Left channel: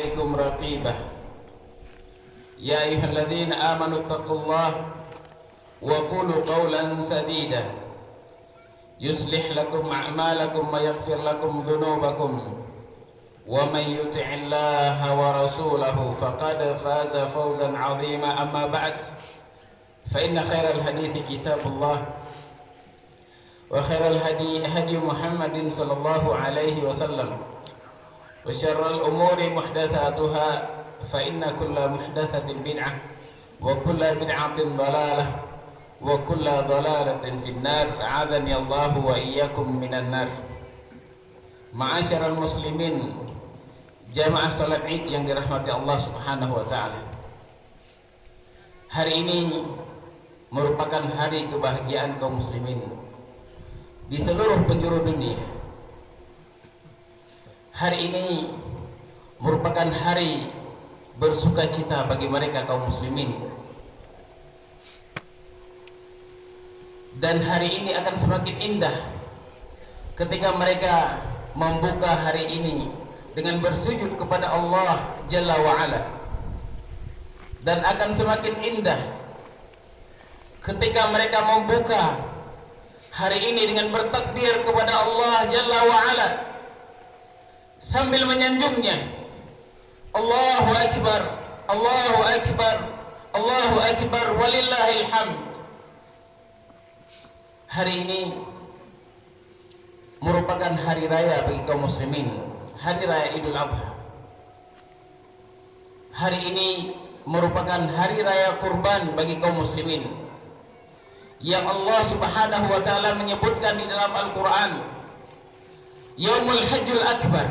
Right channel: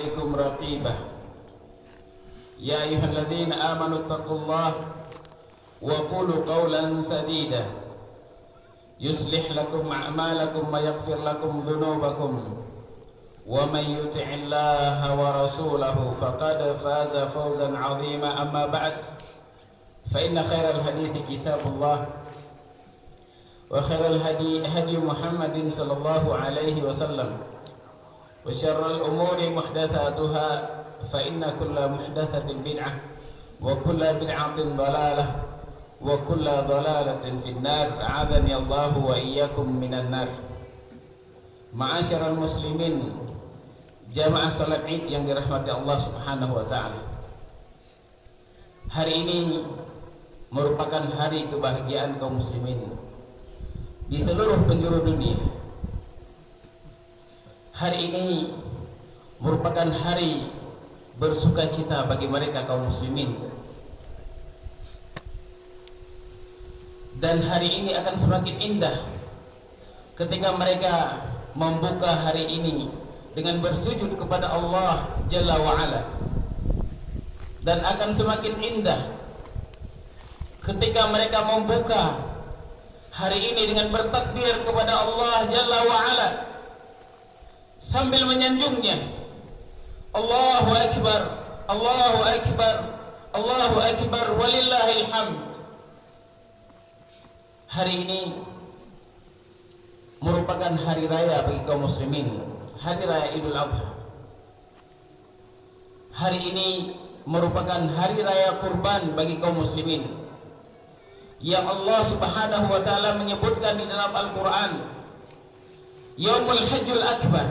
عليكم رقيبا يا أيها الذين آمنوا اتقوا الله وقولوا قولا سديدا يصلح لكم أعمالكم ويغفر لكم ذنوبكم ومن يطع الله ورسوله فقد فاز فوزا عظيما. أما بعد فإن خير الحديث كتاب الله وخير الهدي هدي محمد صلى الله عليه وسلم وشر الأمور محدثاتها فإن كل محدثة بدعة وكل بدعة ضلالة وكل ضلالة في النار أعاذني الله وإياكم من النار. Ma'asyiral muslimin, jamaah salat Id yang dirahmati Allah Subhanahu wa taala. Hari ini merupakan hari kebahagiaan kaum muslimin di seluruh penjuru dunia. Hari ini merupakan hari bersukacita bagi mereka kaum muslimin. Dan hari ini akan semakin indah ketika mereka membuka hari ini dengan bersujud kepada Allah Jalla wa'ala. Dan akan semakin indah ketika mereka membuka hari ini dengan bertakbir kepada Allah Jalla wa'ala sambil menyanjungnya, Allahu Akbar, Allahu Akbar, Allahu Akbar, walillahil hamd. Hari ini merupakan hari raya bagi kaum muslimin, hari raya Idul Adha. Hari ini merupakan hari raya kurban bagi kaum muslimin yang Allah Subhanahu wa taala menyebutkan di dalam Al-Qur'an, Yaumul Hajjul Akbar.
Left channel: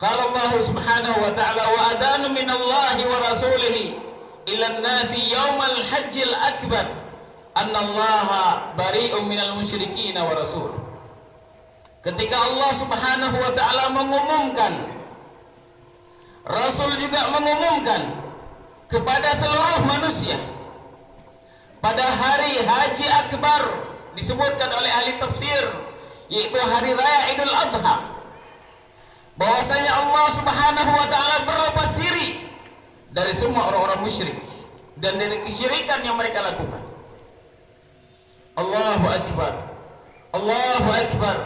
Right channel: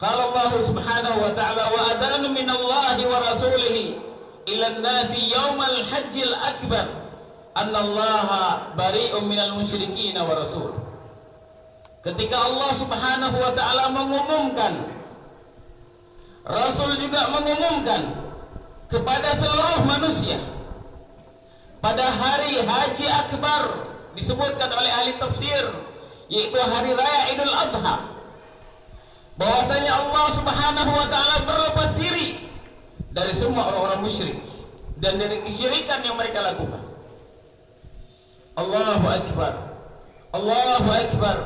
Qala Allah Subhanahu wa ta'ala wa adanu minallahi wa rasulihi ila an-nasi yaumal hajjil akbar annallaha bari'un minal musyrikin wa rasul. Ketika Allah Subhanahu wa ta'ala mengumumkan, Rasul juga mengumumkan kepada seluruh manusia pada hari Haji Akbar, disebutkan oleh ahli tafsir, yaitu hari raya Idul Adha, bahwasanya Allah Subhanahu wa ta'ala berlepas diri dari semua orang-orang musyrik dan dari kesyirikan yang mereka lakukan. Allahu Akbar, Allahu Akbar,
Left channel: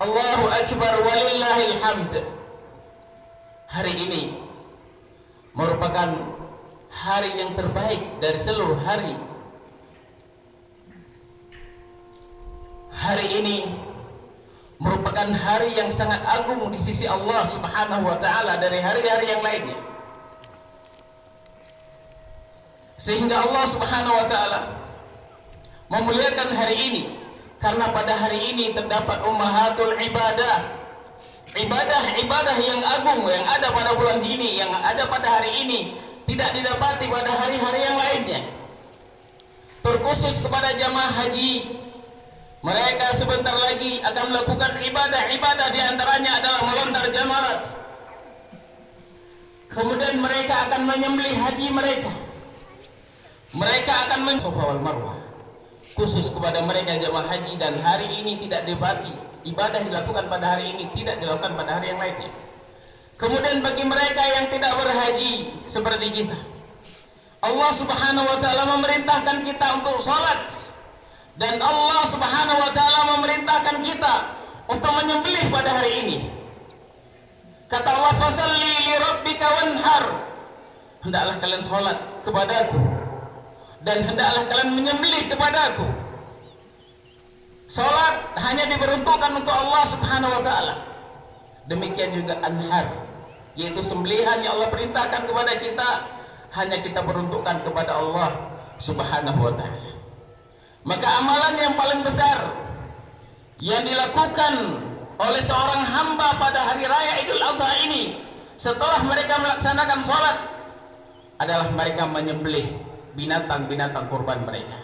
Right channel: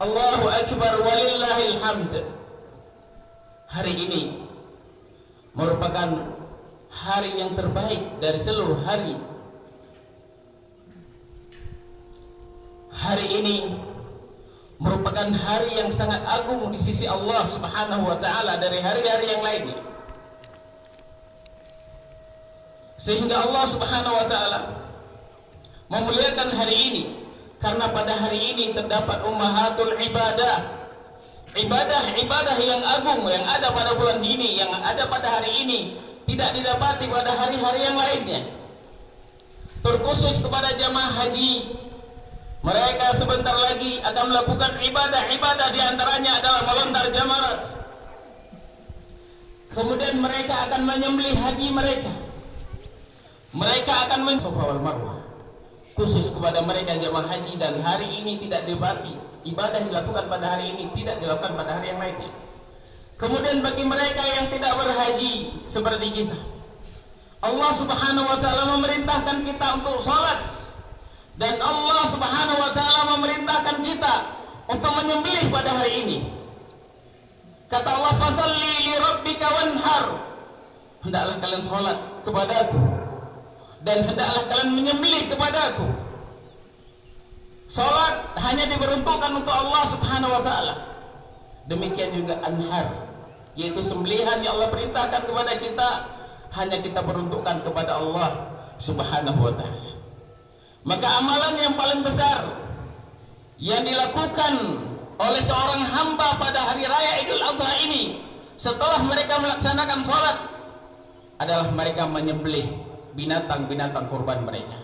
Allahu Akbar, walillahil hamd. Hari ini merupakan hari yang terbaik dari seluruh hari. Hari ini merupakan hari yang sangat agung di sisi Allah Subhanahu wa taala dari hari-hari yang lainnya. Sehingga Allah Subhanahu wa taala memuliakan hari ini karena pada hari ini terdapat ummahatul ibadah, ibadah yang agung yang ada pada bulan ini, yang ada pada hari ini tidak didapati pada hari-hari yang lainnya. Terkhusus kepada jamaah haji, mereka sebentar lagi akan melakukan ibadah di antaranya adalah melontar jamarat. Kemudian mereka akan menyembelih haji mereka. Mereka akan Safa wal Marwah. Khusus kepada mereka jamaah haji, dan hari ini tidak dibagi ibadah dilakukan pada hari ini, tidak dilakukan pada hari yang lainnya. Kemudian bagi mereka yang tidak berhaji seperti kita, Allah Subhanahu wa taala memerintahkan kita untuk salat. Dan Allah Subhanahu wa taala memerintahkan kita untuk menyembelih pada hari ini. Kata Allah, fasalli li rabbika wanhar. Hendaklah kalian salat kepadaku dan hendaklah kalian menyembelih kepadaku. Salat hanya diperuntukkan untuk Allah Subhanahu wa taala. Demikian juga anhar, yaitu sembelihan yang Allah perintahkan kepada kita, hanya kita peruntukkan kepada Allah Subhanahu wa taala. Maka amalan yang paling besar yang dilakukan oleh seorang hamba pada hari raya Idul Adha ini setelah mereka melaksanakan sholat adalah mereka menyembelih binatang-binatang kurban mereka.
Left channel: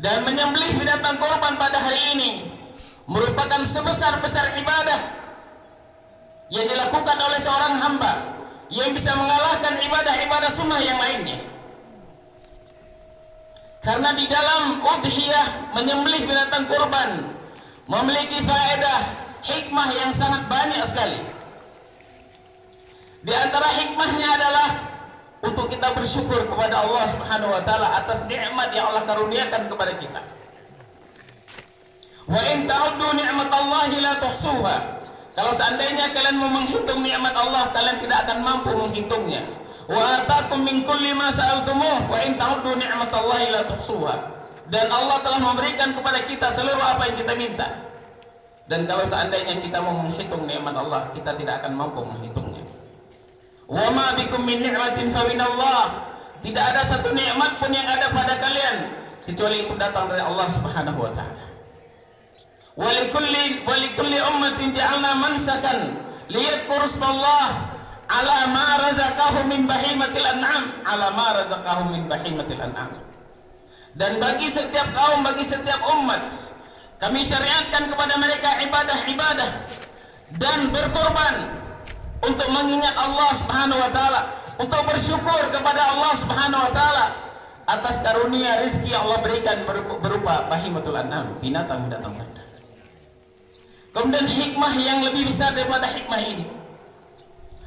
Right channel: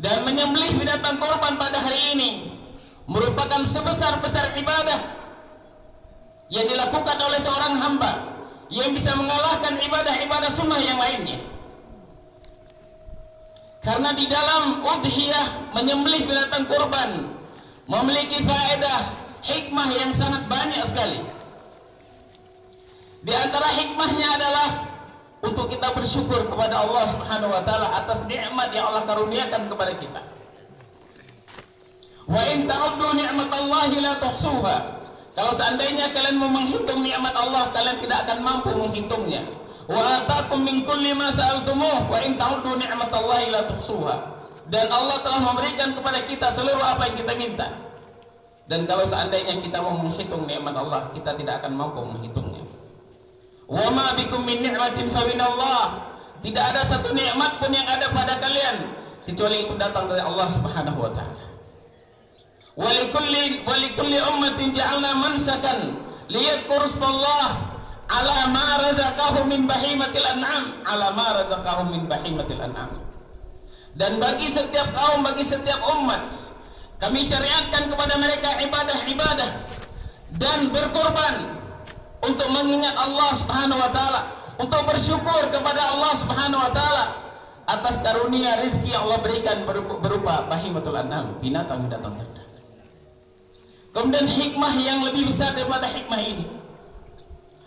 Dan menyembelih binatang kurban pada hari ini merupakan sebesar-besar ibadah yang dilakukan oleh seorang hamba yang bisa mengalahkan ibadah-ibadah sunnah yang lainnya. Karena di dalam udhiyah, menyembelih binatang kurban, memiliki faedah hikmah yang sangat banyak sekali. Di antara hikmahnya adalah untuk kita bersyukur kepada Allah Subhanahu wa taala atas nikmat yang Allah karuniakan kepada kita. Wa in ta'uddu ni'matallahi la tuhsuha. Kalau seandainya kalian mau menghitung nikmat Allah, kalian tidak akan mampu menghitungnya. Wa atakum min kulli ma sa'altumuh wa in ta'uddu ni'matallahi la tuhsuha. Dan Allah telah memberikan kepada kita seluruh apa yang kita minta. Dan kalau seandainya kita mau menghitung nikmat Allah, kita tidak akan mampu menghitungnya. Wa ma bikum min ni'matin fa minallah. Tidak ada satu nikmat pun yang ada pada kalian kecuali itu datang dari Allah Subhanahu wa taala. Wa likulli ummatin ja'alna mansakan liyadhkuru ismallah ala ma razaqahum min bahimatil an'am, ala ma razaqahum min bahimatil an'am. Dan bagi setiap kaum, bagi setiap umat, kami syariatkan kepada mereka ibadah-ibadah dan berkorban untuk mengingat Allah Subhanahu wa taala, untuk bersyukur kepada Allah Subhanahu wa taala atas karunia rezeki yang Allah berikan berupa bahimatul an'am, binatang-binatang ternak. Kemudian hikmah yang lebih besar daripada hikmah ini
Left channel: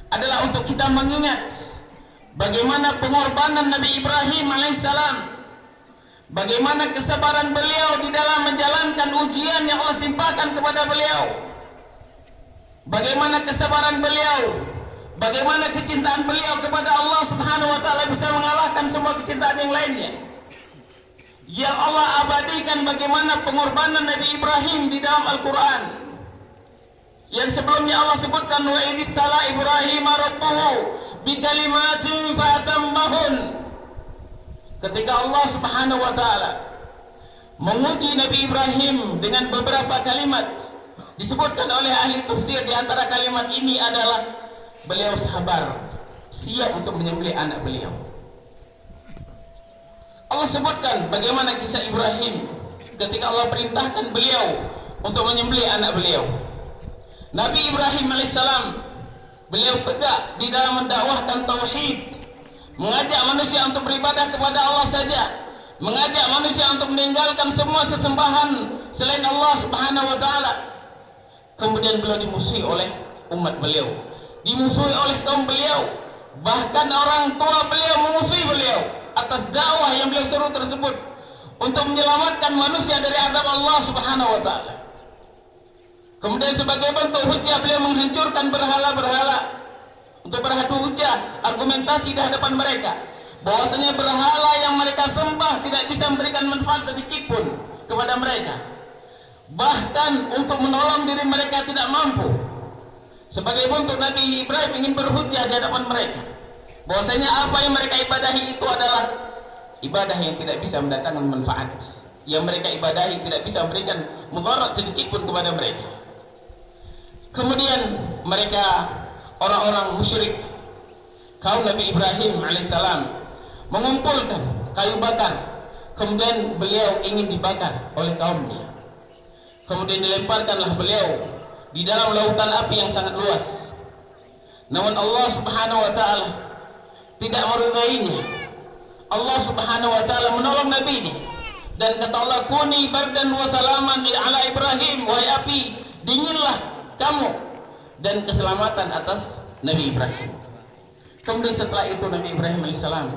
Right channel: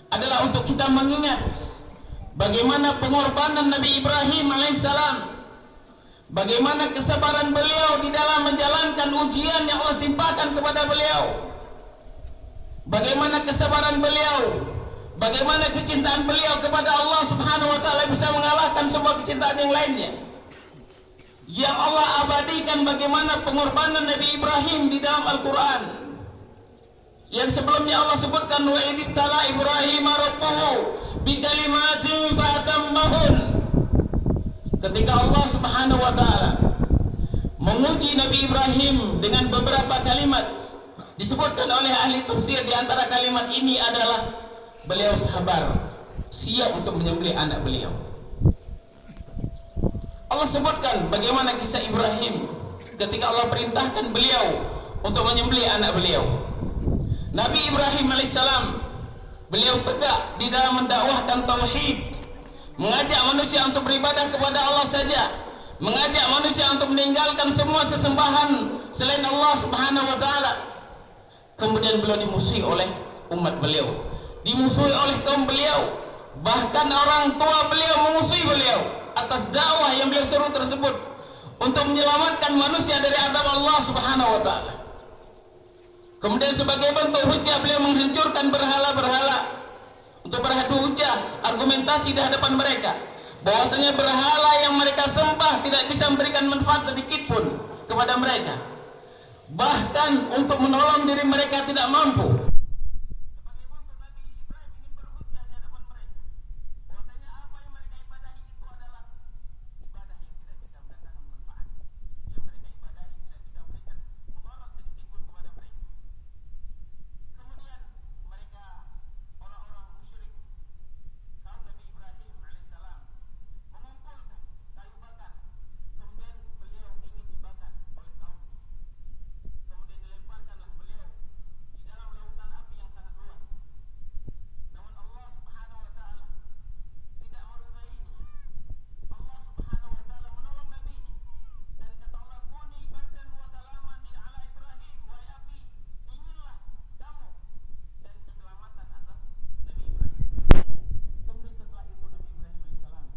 adalah untuk kita mengingat bagaimana pengorbanan Nabi Ibrahim alaihissalam, bagaimana kesabaran beliau di dalam menjalankan ujian yang Allah timpakan kepada beliau. Bagaimana kesabaran beliau, bagaimana kecintaan beliau kepada Allah Subhanahu wa taala bisa mengalahkan semua kecintaan yang lainnya. Yang Allah abadikan bagaimana pengorbanan Nabi Ibrahim di dalam Al-Qur'an. Yang sebelumnya Allah sebutkan wa idibtala Ibrahim rabbuhu bikalimatin fatammahun. Ketika Allah Subhanahu wa taala menguji Nabi Ibrahim dengan beberapa kalimat, disebutkan oleh ahli tafsir di antara kalimat ini adalah beliau sabar, siap untuk menyembelih anak beliau. Allah sebutkan bagaimana kisah Ibrahim ketika Allah perintahkan beliau untuk menyembelih anak beliau. Nabi Ibrahim alaihissalam, beliau tegak di dalam mendakwahkan tauhid, mengajak manusia untuk beribadah kepada Allah saja, mengajak manusia untuk meninggalkan semua sesembahan selain Allah Subhanahu wa taala. Kemudian beliau dimusuhi oleh umat beliau, dimusuhi oleh kaum beliau, bahkan orang tua beliau memusuhi beliau atas dakwah yang beliau seru tersebut untuk menyelamatkan manusia dari adab Allah Subhanahu wa taala. Kemudian sebagai bentuk hujah beliau menghancurkan berhala-berhala untuk berhadu hujah, argumentasi di hadapan mereka bahwasanya berhala yang mereka sembah tidak bisa memberikan manfaat sedikit pun kepada mereka. Bahkan untuk menolong diri mereka tidak mampu. Sebagai bentuk Nabi Ibrahim ingin berhujjah di hadapan mereka bahwasanya apa yang mereka ibadahi itu adalah ibadah yang tidak bisa mendatangkan manfaat, yang mereka ibadahi tidak bisa memberikan mudarat sedikit pun kepada mereka. Kemudian mereka, orang-orang musyrik kaum Nabi Ibrahim alaihissalam, mengumpulkan kayu bakar, kemudian beliau ingin dibakar oleh kaumnya. Kemudian dilemparkanlah beliau di dalam lautan api yang sangat luas. Namun Allah Subhanahu wa taala tidak meridainya. Allah Subhanahu wa taala menolong Nabi ini dan kata Allah, kuni bardan wa salaman ala Ibrahim, wahai api dinginlah kamu, dan keselamatan atas Nabi Ibrahim. Kemudian setelah itu Nabi Ibrahim alaihissalam,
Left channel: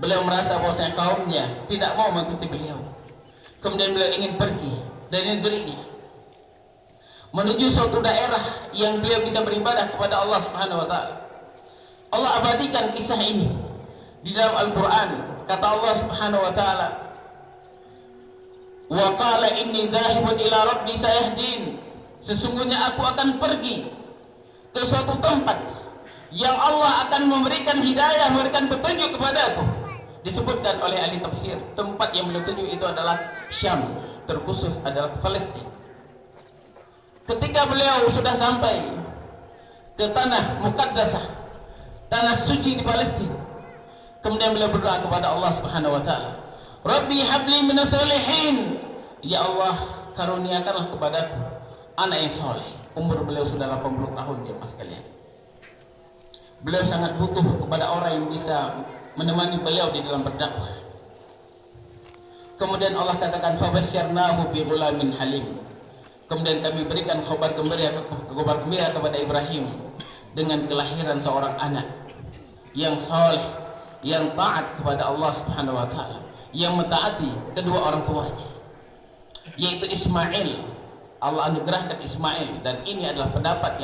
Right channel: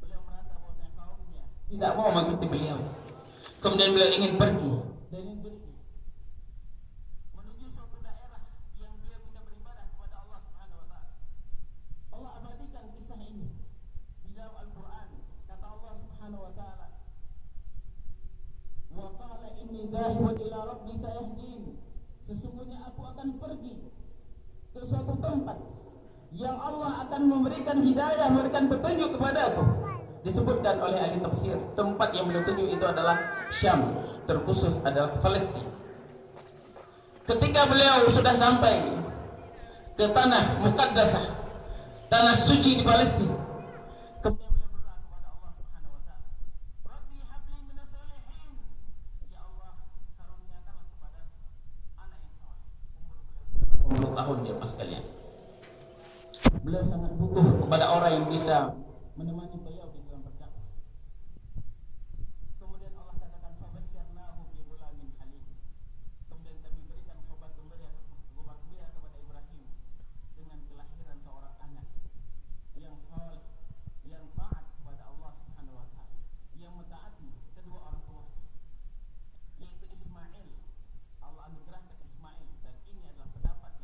beliau merasa bahwasanya kaumnya tidak mau mengikuti beliau. Kemudian beliau ingin pergi dari negerinya menuju suatu daerah yang beliau bisa beribadah kepada Allah Subhanahu wa taala. Allah abadikan kisah ini di dalam Al-Qur'an. Kata Allah Subhanahu wa taala, wa qala inni dhahibun ila rabbi sayahdin. Sesungguhnya aku akan pergi ke suatu tempat yang Allah akan memberikan hidayah, memberikan petunjuk kepadaku. Disebutkan oleh ahli tafsir, tempat yang beliau tuju itu adalah Syam, terkhusus adalah Palestina. Ketika beliau sudah sampai ke tanah muqaddasah, tanah suci di Palestina, kemudian beliau berdoa kepada Allah Subhanahu wa taala, Rabbi habli minas solihin, ya Allah karuniakanlah kepadaku anak yang soleh. Umur beliau sudah 80 tahun ya mas kalian. Beliau sangat butuh kepada orang yang bisa menemani beliau di dalam berdakwah. Kemudian Allah katakan fabasyarnahu bi ghulamin halim. Kemudian kami berikan kabar gembira kepada Ibrahim dengan kelahiran seorang anak yang saleh, yang taat kepada Allah Subhanahu wa taala, yang mentaati kedua orang tuanya, yaitu Ismail. Allah anugerahkan Ismail, dan ini adalah pendapat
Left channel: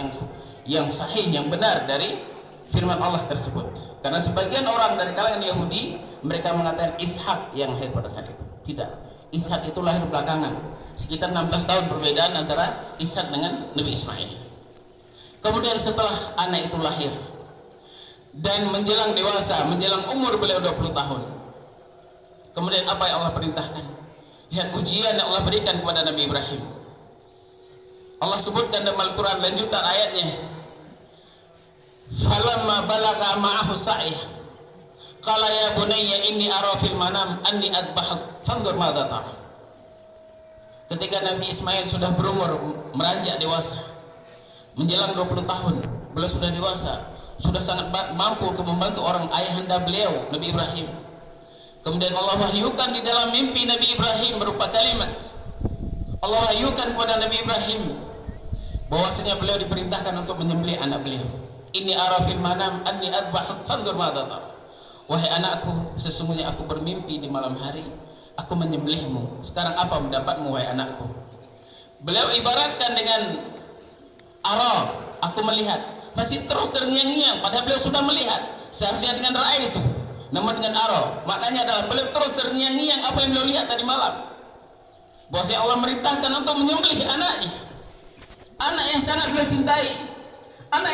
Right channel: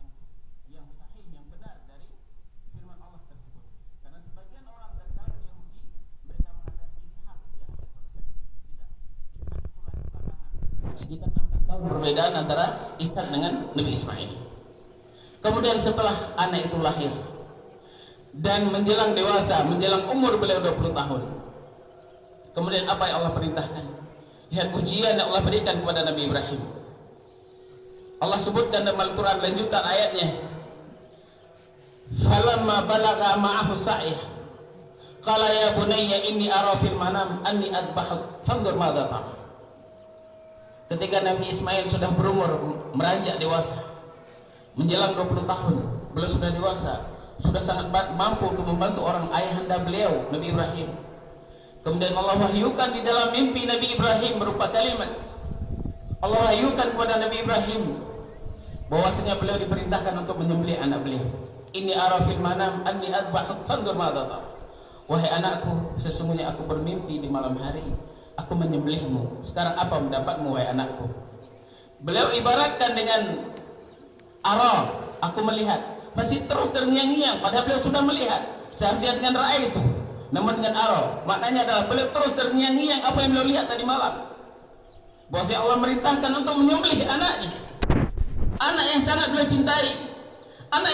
yang sahih, yang benar dari firman Allah tersebut. Karena sebagian orang dari kalangan Yahudi, mereka mengatakan Ishak yang lahir pada saat itu. Tidak, Ishak itu lahir belakangan, sekitar 16 tahun perbedaan antara Ishak dengan Nabi Ismail. Kemudian setelah anak itu lahir dan menjelang dewasa, menjelang umur beliau 20 tahun, kemudian apa yang Allah perintahkan? Lihat ujian yang Allah berikan kepada Nabi Ibrahim. Allah sebutkan dalam Al-Quran lanjutan ayatnya, falamma balagha ma'ahu sa'ih qala ya bunayya inni ara fil manam anni adbahak fanzur madza tara. Ketika Nabi Ismail sudah berumur meranjak dewasa, menjelang 20 tahun, beliau sudah dewasa, sudah sangat mampu untuk membantu orang ayahanda beliau Nabi Ibrahim. Kemudian Allah wahyukan di dalam mimpi Nabi Ibrahim berupa kalimat. Allah wahyukan kepada Nabi Ibrahim bahwasanya beliau diperintahkan untuk menyembelih anak beliau. Inni ara fil manam anni adbahuk fanzur madza tara. Wahai anakku, sesungguhnya aku bermimpi di malam hari, aku menyembelihmu. Sekarang apa pendapatmu wahai anakku? Beliau ibaratkan dengan ara, aku melihat. Masih terus terngiang-ngiang, padahal beliau sudah melihat. Seharusnya dengan ra'ai itu, namun dengan ara, maknanya adalah beliau terus terngiang-ngiang apa yang beliau lihat tadi malam. Bahwasanya Allah merintahkan untuk menyembelih anaknya, anak yang sangat beliau cintai, anak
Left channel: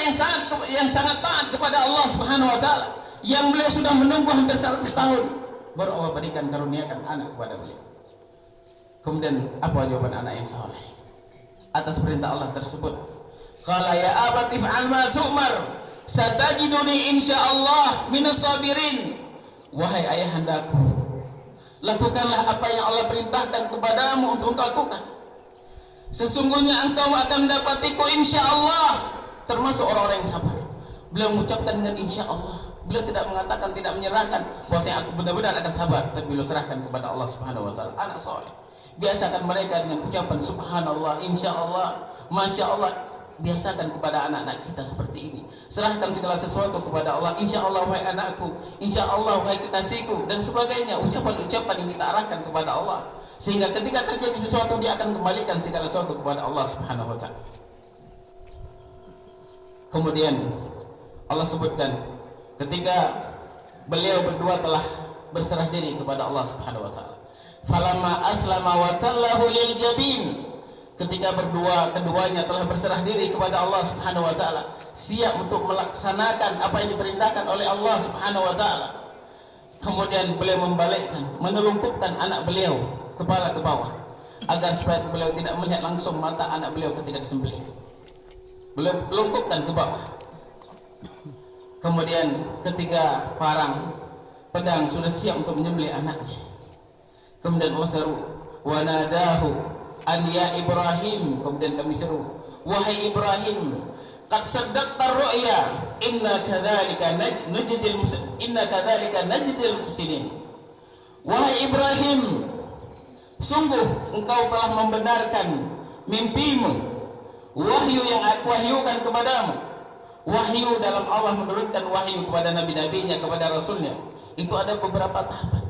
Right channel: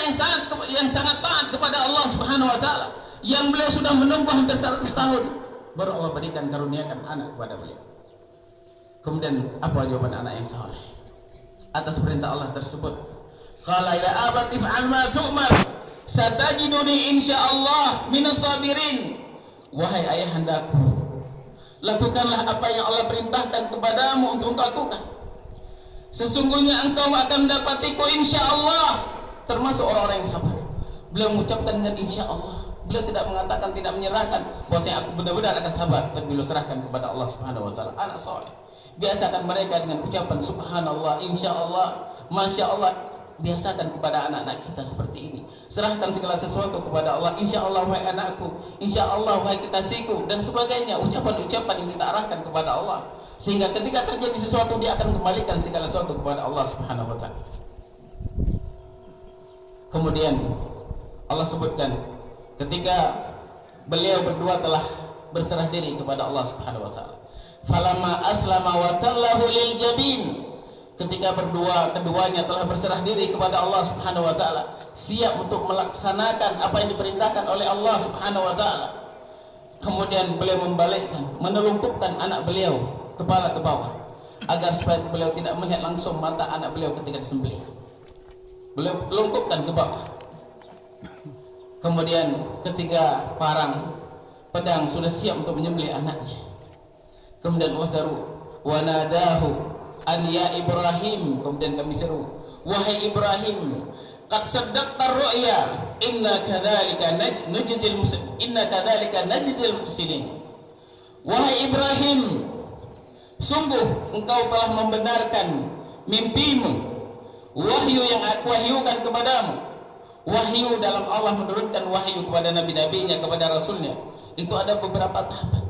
yang sangat taat kepada Allah Subhanahu wa taala, yang beliau sudah menunggu hampir 100 tahun, baru Allah berikan karuniakan anak kepada beliau. Kemudian apa jawaban anak yang saleh atas perintah Allah tersebut? Qala ya abati fa'al ma tu'mar satajiduni insyaallah minas sabirin. Wahai ayahandaku, lakukanlah apa yang Allah perintahkan kepadamu untuk engkau lakukan. Sesungguhnya engkau akan mendapatiku insyaallah termasuk orang-orang yang sabar. Beliau mengucapkan dengan insyaallah. Beliau tidak mengatakan, tidak menyerahkan bahwasanya aku benar-benar akan sabar, tapi beliau serahkan kepada Allah Subhanahu wa taala. Anak saleh biasakan mereka dengan ucapan subhanallah, insyaallah, masyaallah. Biasakan kepada anak-anak kita seperti ini. Serahkan segala sesuatu kepada Allah. Insyaallah wahai anakku, insyaallah wahai kekasihku, dan sebagainya, ucapan-ucapan yang kita arahkan kepada Allah, sehingga ketika terjadi sesuatu dia akan kembalikan segala sesuatu kepada Allah Subhanahu wa taala. Kemudian Allah sebutkan ketika beliau berdua telah berserah diri kepada Allah Subhanahu wa taala. Falamma aslama wa tallahu lil jabin. Ketika keduanya telah berserah diri kepada Allah Subhanahu wa taala, siap untuk melaksanakan apa yang diperintahkan oleh Allah Subhanahu wa taala. Kemudian beliau membalikkan, menelungkupkan anak beliau kepala ke bawah agar supaya beliau tidak melihat langsung mata anak beliau ketika disembelih. Beliau telungkupkan ke bawah. Kemudian ketika pedang sudah siap untuk menyembelih anaknya, kemudian Allah seru, wa nadahu an ya Ibrahim. Kemudian kami seru, wahai Ibrahim, qad saddaqta ar-ru'ya inna kadzalika najzil muhsinin. Wahai Ibrahim, sungguh engkau telah membenarkan mimpimu, wahyu yang aku wahyukan kepadamu. Wahyu dalam Allah menurunkan wahyu kepada nabi-nabinya, kepada rasulnya, itu ada beberapa tahapan.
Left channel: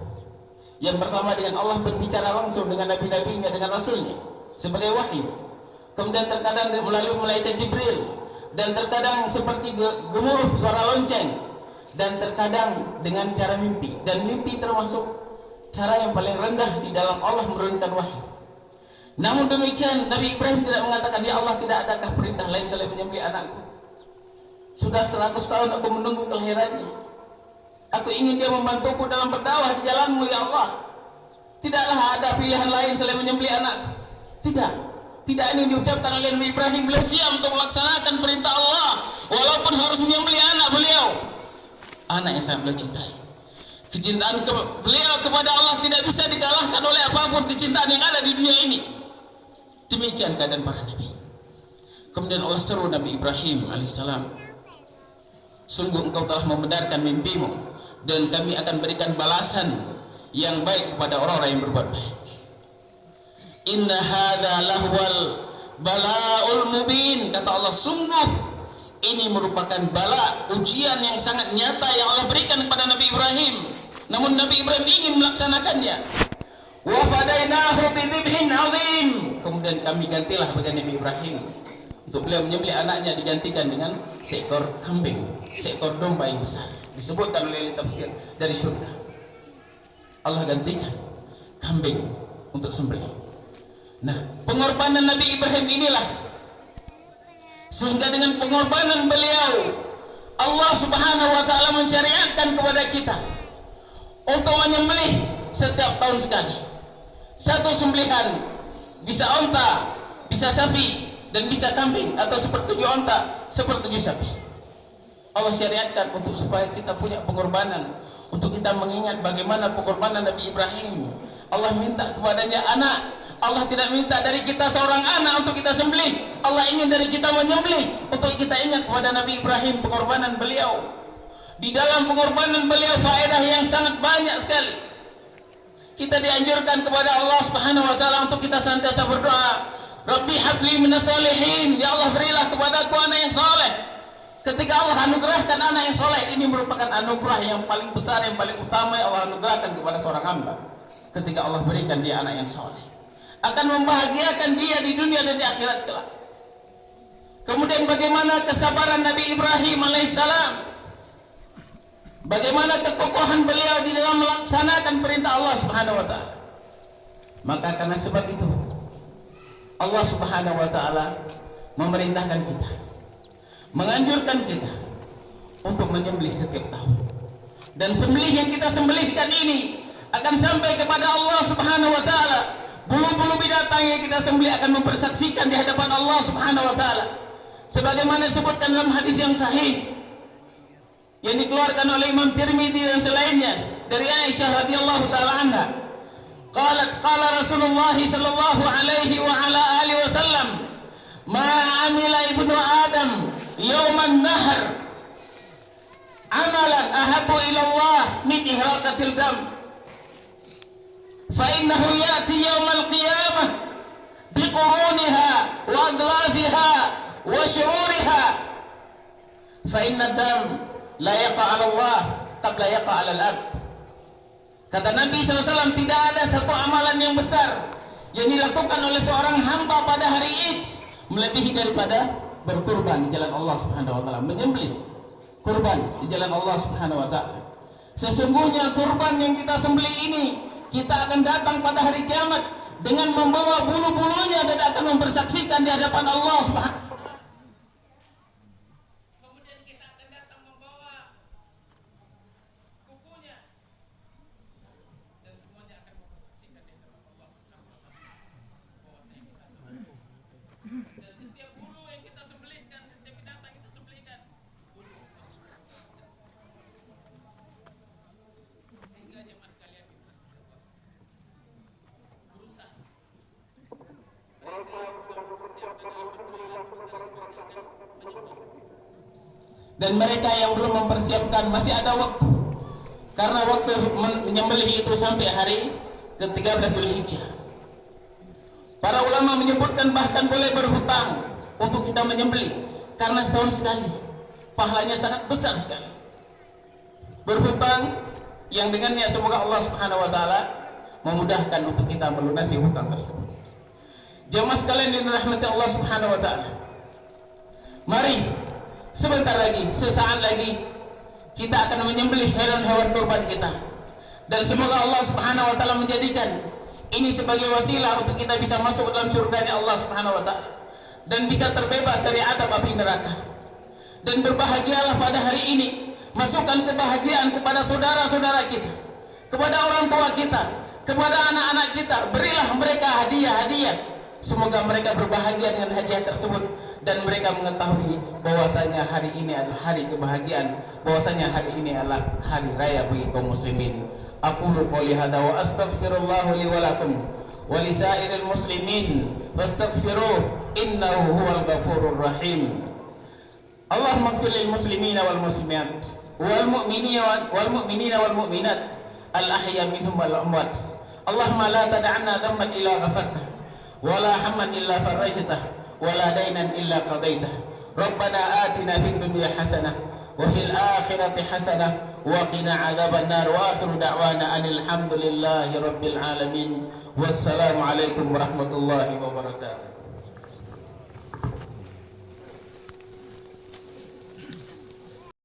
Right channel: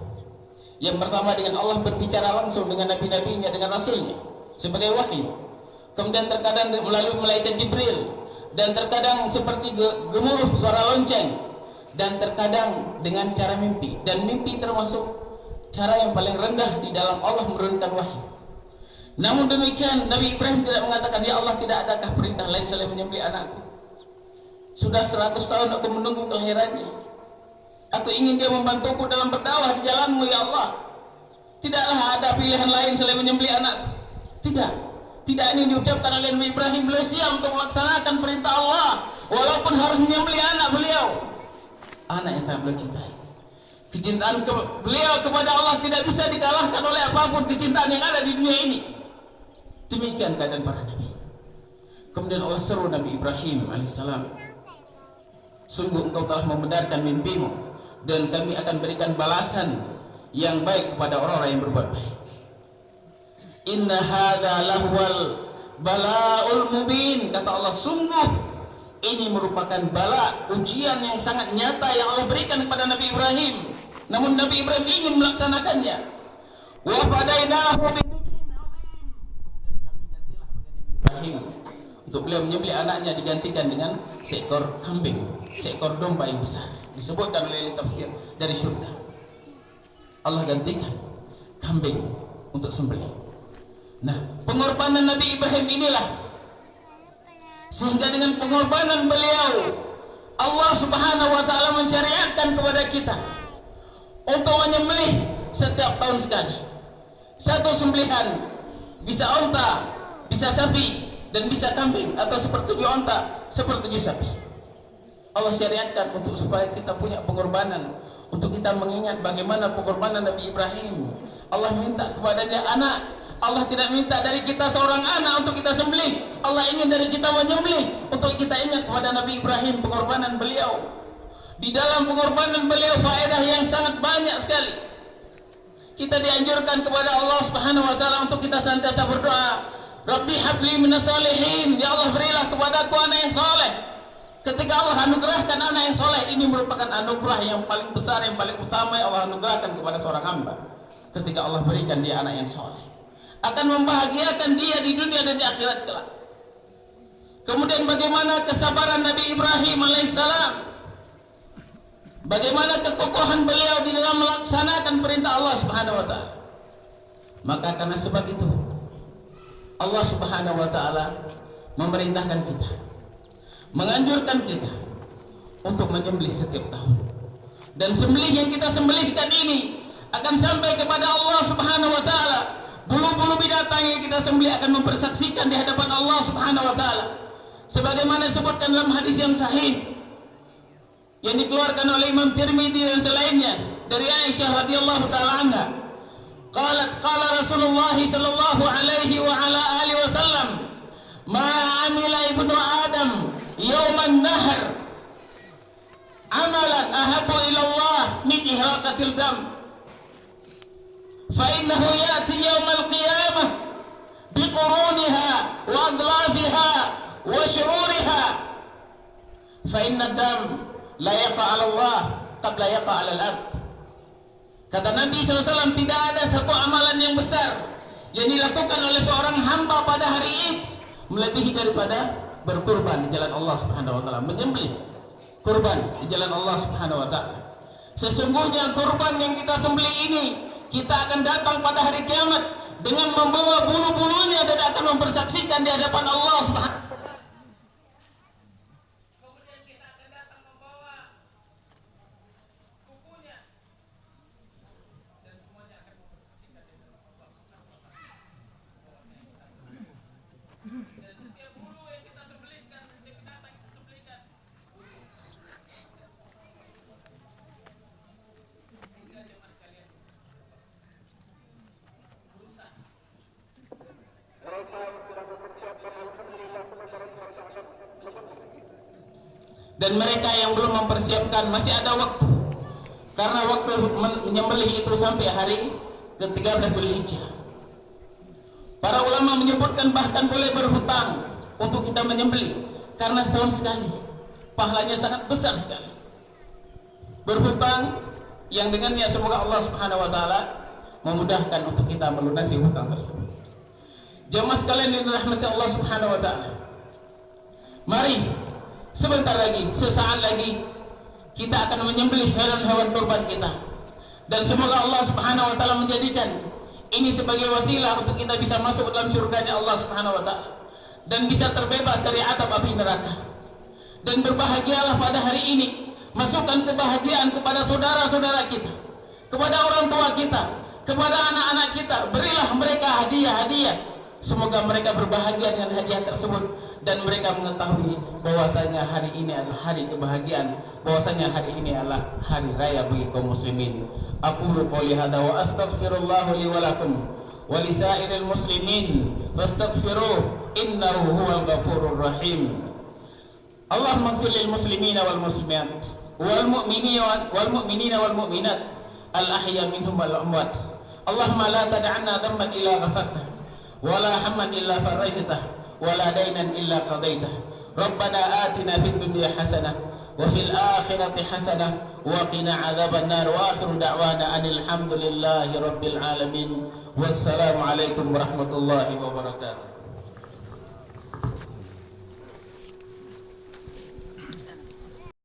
Yang pertama dengan Allah berbicara langsung dengan nabi-nabinya, dengan rasulnya sebagai wahyu. Kemudian terkadang melalui malaikat Jibril, dan terkadang seperti gemuruh suara lonceng, dan terkadang dengan cara mimpi. Dan mimpi termasuk cara yang paling rendah di dalam Allah menurunkan wahyu. Namun demikian Nabi Ibrahim tidak mengatakan, ya Allah, tidak adakah perintah lain selain menyembelih anakku? Sudah 100 tahun aku menunggu kelahirannya. Aku ingin dia membantuku dalam berdakwah di jalanmu, ya Allah. Tidaklah ada pilihan lain selain menyembelih anakku. Tidak ini diucapkan oleh Nabi Ibrahim. Beliau siap untuk melaksanakan perintah Allah walaupun harus menyembelih anak beliau, anak yang sangat beliau cintai. Kecintaan beliau kepada Allah tidak bisa dikalahkan oleh apapun kecintaan yang ada di dunia ini. Demikian keadaan para nabi. Kemudian Allah seru Nabi Ibrahim alaihissalam, sungguh engkau telah membenarkan mimpimu, dan kami akan berikan balasan yang baik kepada orang-orang yang berbuat baik. Inna hadza lahwal bala'ul mubin. Kata Allah, sungguh Ini merupakan bala, ujian yang sangat nyata yang Allah berikan kepada Nabi Ibrahim. Namun Nabi Ibrahim ingin melaksanakannya. Wa fadainahu bidzibhin azim. Kemudian kami gantilah bagi Nabi Ibrahim, untuk beliau menyembelih anaknya digantikan dengan seekor kambing, seekor domba yang besar. Disebutkan oleh tafsir dari surga. Allah gantikan kambing untuk sembelih. Nah, pengorbanan Nabi Ibrahim inilah, sehingga dengan pengorbanan beliau Allah Subhanahu wa taala mensyariatkan kepada kita untuk menyembelih setiap tahun sekali. Satu sembelihan, bisa onta, bisa sapi, dan bisa kambing, atau sepertujuh onta, sepertujuh sapi. Allah syariatkan untuk supaya kita punya pengorbanan, untuk kita mengingat bagaimana pengorbanan Nabi Ibrahim. Allah minta kepadanya anak. Allah tidak minta dari kita seorang anak untuk kita sembelih. Allah ingin dari kita menyembelih, untuk kita ingat kepada Nabi Ibrahim, pengorbanan beliau. Di dalam pengorbanan beliau faedah yang sangat banyak sekali. Kita dianjurkan kepada Allah Subhanahu wa taala untuk kita senantiasa berdoa, Rabbi habli minas salihin, ya Allah berilah kepadaku anak yang saleh. Ketika Allah anugerahkan anak yang saleh, ini merupakan anugerah yang paling besar, yang paling utama yang Allah anugerahkan kepada seorang hamba. Ketika Allah berikan dia anak yang saleh, akan membahagiakan dia di dunia dan di akhirat kelak. Kemudian bagaimana kesabaran Nabi Ibrahim alaihissalam, bagaimana kekokohan beliau di dalam melaksanakan perintah Allah Subhanahu wa taala. Maka karena sebab itu Allah Subhanahu wa taala memerintahkan kita, menganjurkan kita untuk menyembelih setiap tahun. Dan sembelih yang kita sembelihkan ini akan sampai kepada Allah Subhanahu wa taala. Bulu-bulu binatang yang kita sembelih akan mempersaksikan di hadapan Allah Subhanahu wa taala. Sebagaimana disebutkan dalam hadis yang sahih yang dikeluarkan oleh Imam Tirmidzi dan selainnya dari Aisyah radhiyallahu taala anha. Qala Rasulullah sallallahu alaihi wa ala alihi wasallam, "Ma amila ibnu Adam yawman nahr amalan ahabbu ila Allah min ihraqatil dam. Fa innahu ya'ti yawmal qiyamah biquruniha wa adlafiha wa syururiha. Fa inna dam la yaqa 'ala Allah qabla yaqa 'ala al-ard." Kata Nabi SAW, tidak ada satu amalan yang besar yang dilakukan oleh seorang hamba pada hari Id melebihi daripada berkurban di jalan Allah Subhanahu wa taala, menyembelih kurban di jalan Allah Subhanahu wa taala. Sesungguhnya kurban yang kita sembelih ini, kita akan datang pada hari kiamat dengan membawa bulu-bulunya dan akan mempersaksikan di hadapan Allah Subhanahu wa taala. Dan mereka yang belum mempersiapkan masih ada waktu, karena waktu menyembelih itu sampai hari ke-13 Zulhijjah. Para ulama menyebutkan bahkan boleh berhutang untuk kita menyembelih, karena setahun sekali pahalanya sangat besar sekali. Berhutang yang dengannya semoga Allah Subhanahu wa taala memudahkan untuk kita melunasi hutang tersebut. Jemaah sekalian yang dirahmati Allah Subhanahu wa taala, mari sebentar lagi, sesaat lagi kita akan menyembelih hewan-hewan kurban kita. Dan semoga Allah Subhanahu wa taala menjadikan ini sebagai wasilah untuk kita bisa masuk dalam surganya Allah Subhanahu wa taala dan bisa terbebas dari azab api neraka. Dan berbahagialah pada hari ini, masukkan kebahagiaan kepada saudara-saudara kita, kepada orang tua kita, kepada anak-anak kita. Berilah mereka hadiah-hadiah, semoga mereka berbahagia dengan hadiah tersebut dan mereka mengetahui bahwasanya hari ini adalah hari kebahagiaan, bahwasanya hari ini adalah hari raya bagi kaum muslimin. Aqulu qouli hadza wa astaghfirullah li wa lakum wa li sa'iril muslimin fastaghfiruh innahu huwal ghafurur rahim. Allahumma ighfir lil muslimina wal muslimat wal mu'minina wal mu'minat al ahya minhum wal amwat. Allahumma la tad'anna dhanban illa ghafartah wa la hamman illa farajtah wa la daynan illa qadaitah Rabbana atina fid dunya hasanah wa fil akhirati hasanah wa qina adzabannar. Wa akhiru da'wana anil hamdulillahi rabbil alamin. Wassalamu alaikum warahmatullahi wabarakatuh.